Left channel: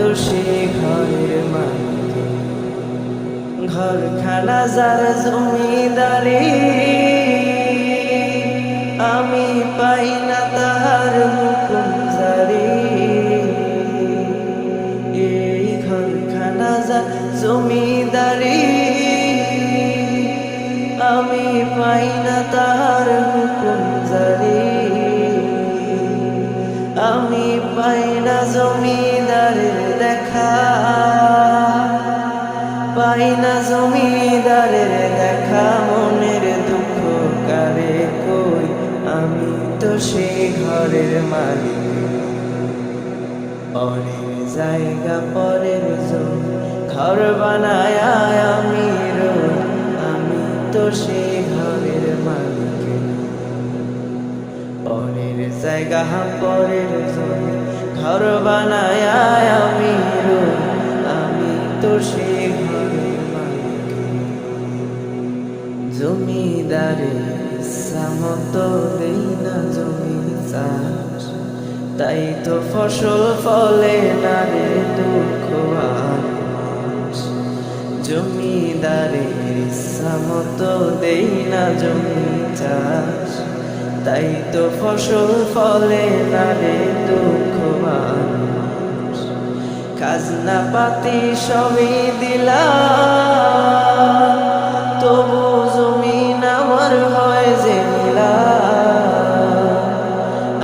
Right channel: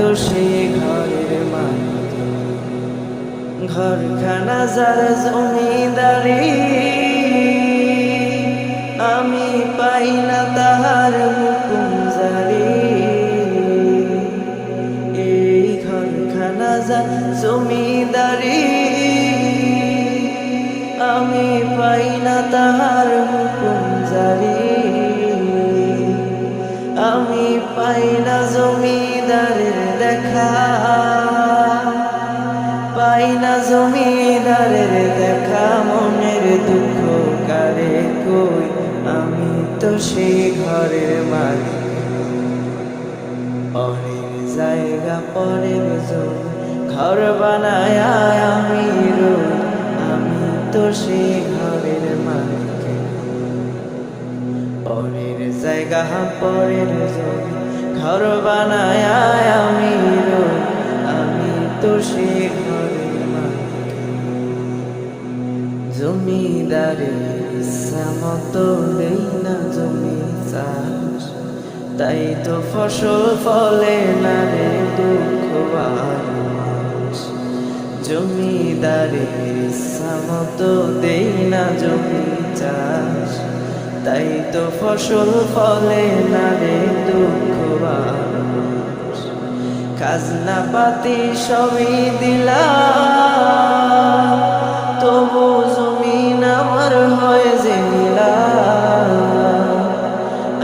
তো সে ঘরের মালিক। ঘরখানা যার জমিদারি। আমি পাই না তাহার হুকুম জারি। এই ঘরখানা যা জমিদারি। আমি পাই না তাহার হুকুম জারি। আমি পাই না জমিদারের দেখা। পাই না জমিদারের দেখা, মনের দুঃখ কারে কই? আমি তো সে ঘরের মালিক পরের জায়গা, পরের জমি, ঘর বানায় আমি রই। আমি তো সে ঘরের মালিক নই। পরের জায়গা পরের জমি, ঘর বানায় আমি রই। আমি তো সে ঘরের মালিক। জমিদারের ইচ্ছা মতো দেই না জমি চাষ। তাই তো ফসল ফলে না রে দুঃখ আর মাস জমিদারের ইচ্ছা মতো দেই না জমি চাষ। তাই তো ফসল ফলে না রে দুঃখ আর মাস খাজনা পাতি সবই দিলা তবু জমিন আমার হয় যে নীলা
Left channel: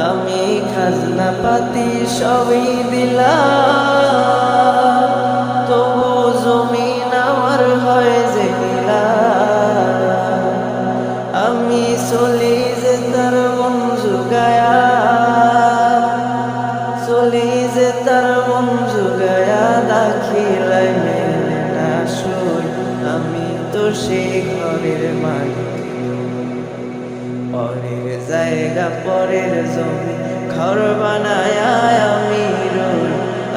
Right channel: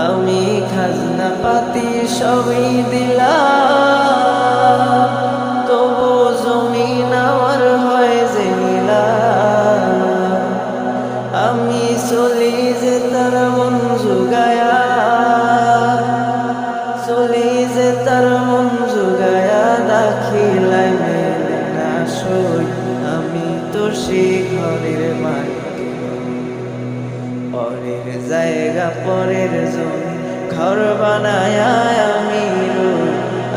আমি খাজনা পাতি সবই দিলাম, তবু জমিন আমার হয় যে নীলা আমি চলি যে তার মন জুগায়া, চলি যে তার মন জুগায়া, দাখিলাই মেলে না সই আমি তো সে ঘরের মালিক। পরের জায়গা, পরের জমি, ঘর বানায় আমি রই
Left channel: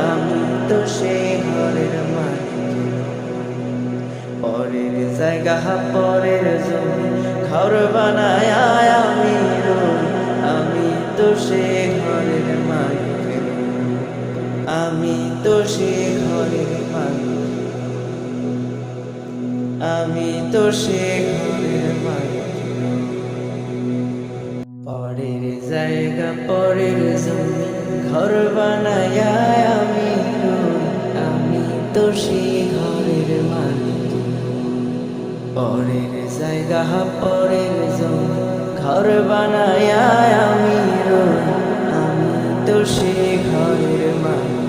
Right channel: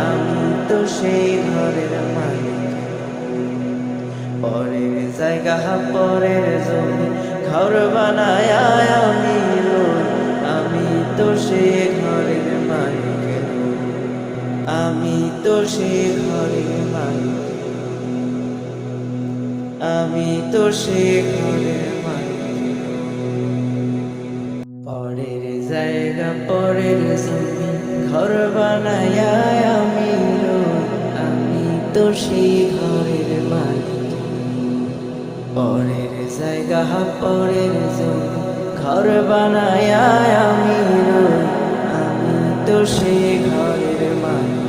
আমি তো সে ঘরের মালিক। পরের জায়গা, পরের জমি, ঘর বানায় আমি রই আমি তো সে ঘরের মালিক। আমি তো সে ঘরের মালিক আমি তো সে ঘরের মালিক। পরের জায়গা, পরের জমি, ঘর বানায় আমি রই আমি তো সেই ঘরের মালিক। পরের জায়গা পরের জমি ঘর বানায় আমি রই। আমি তো সে ঘরের মালিক।